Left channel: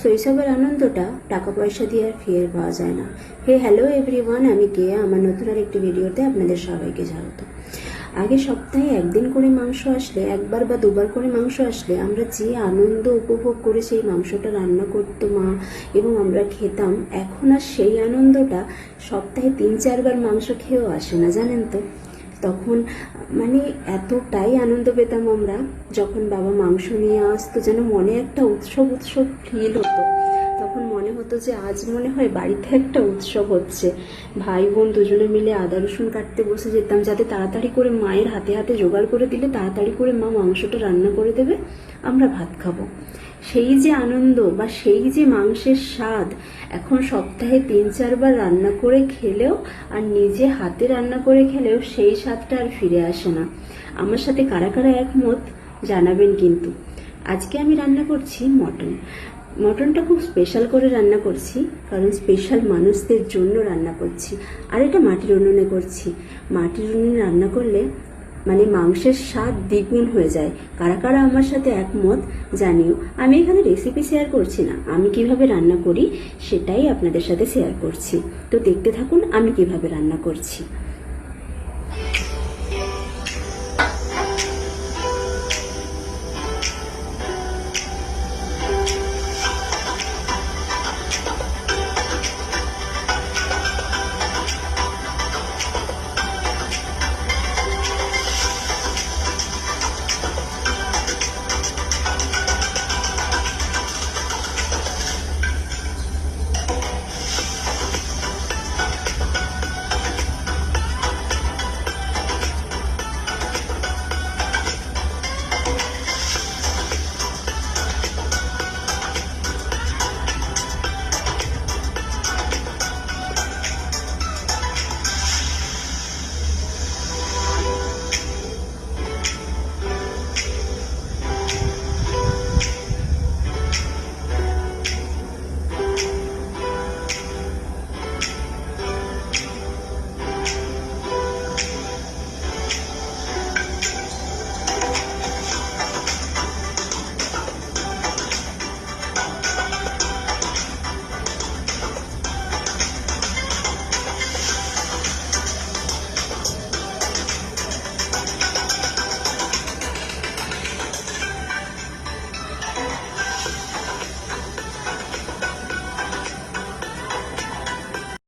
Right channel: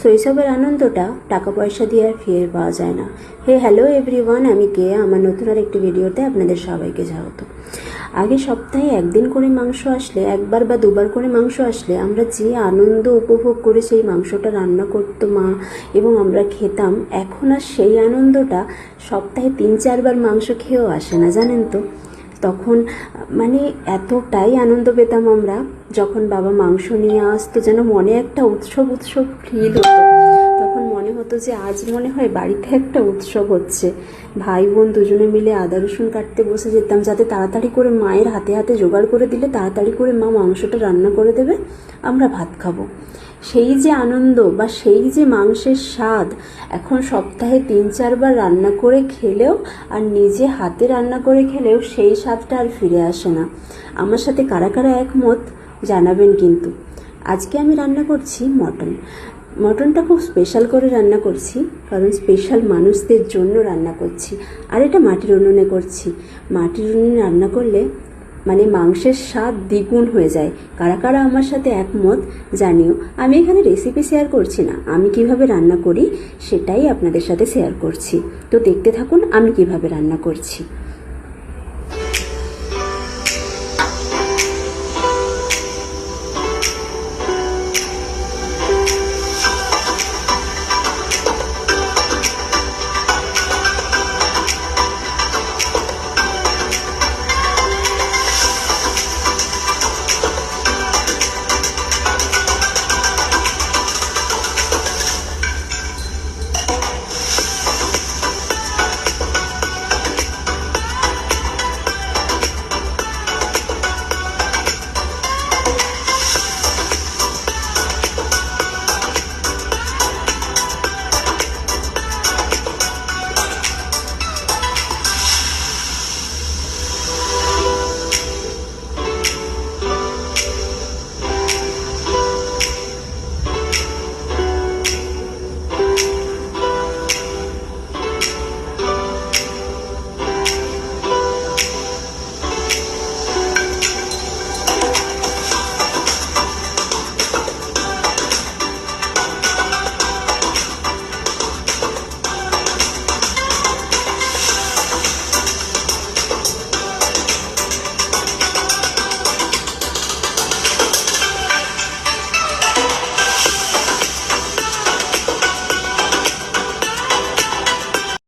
শৈশবের আনন্দটা টাকা পয়সা দিয়ে আর ফিরে পাওয়া যায় না। হ্যালো এভরিওয়ান, আমি কেয়া। আমার নতুন আর একটি ভিডিওতে আপনাদের সবাইকে স্বাগত। আগে সপ্তাহে একদিন করে মাংস আসলে, একবার বা দুবার করে মাংস আসলে আমরা যে আনন্দ উপভোগ করে সেই মাংসটা রান্না করতো মা এবং আমরা খেতাম, এখন আর সেই আনন্দটা সপ্তাহে 3-4 বার মাংস খেয়েও আসে না, জানেন তো। তখন মানে এতটাই আনন্দ পেতাম আমরা যখন বাবা মাংস নিয়ে আসতো, যেন মনে একটা উৎসব উৎসব ফিল হতো। তখন মনে হতো যে আজ মনে হয় বাড়িতে একটা উৎসব হচ্ছে। ভাই বোন দুজনে মিলে আদা রসুন কাটতে বসে যেতাম, যাতে তাড়াতাড়ি করে মায়ের হাতে হাতে জোগাড় করে দিলে তাড়াতাড়ি করে মা মাংসটা রান্না করে দেবে, আমরা ভাত খাবো। সেই যে আনন্দ বা সেই যে মাংসের স্বাদ এখন সপ্তাহে 3-4 বার রান্না করে খেলেও আর নিজে হাতে রান্না করে খেলেও সেই স্বাদটা আর ফিরে আসে না। আমার সাথে কারা কারা একমত জানাবেন কিন্তু। আজকে আমি রান্না করছি মটনটা খুব স্পেশাল করে রান্না করছি, কারণ স্পেশাল মানুষদের জন্য রান্না করছি। আর এটা মাটির উনুনে করছি। মাটির উনুনে রান্না করলে মানে মাংসের স্বাদ দ্বিগুণ হয়ে যায়। কারা কারা আমার সাথে একমত জানিও। আমি এখানে রেসিপি শেয়ার করছি না, আমি কিভাবে রান্না করি সেটাই আপনাদের সাথে শেয়ার করছি। তো দেখতে থাকুন আমি কিভাবে রান্না করছি।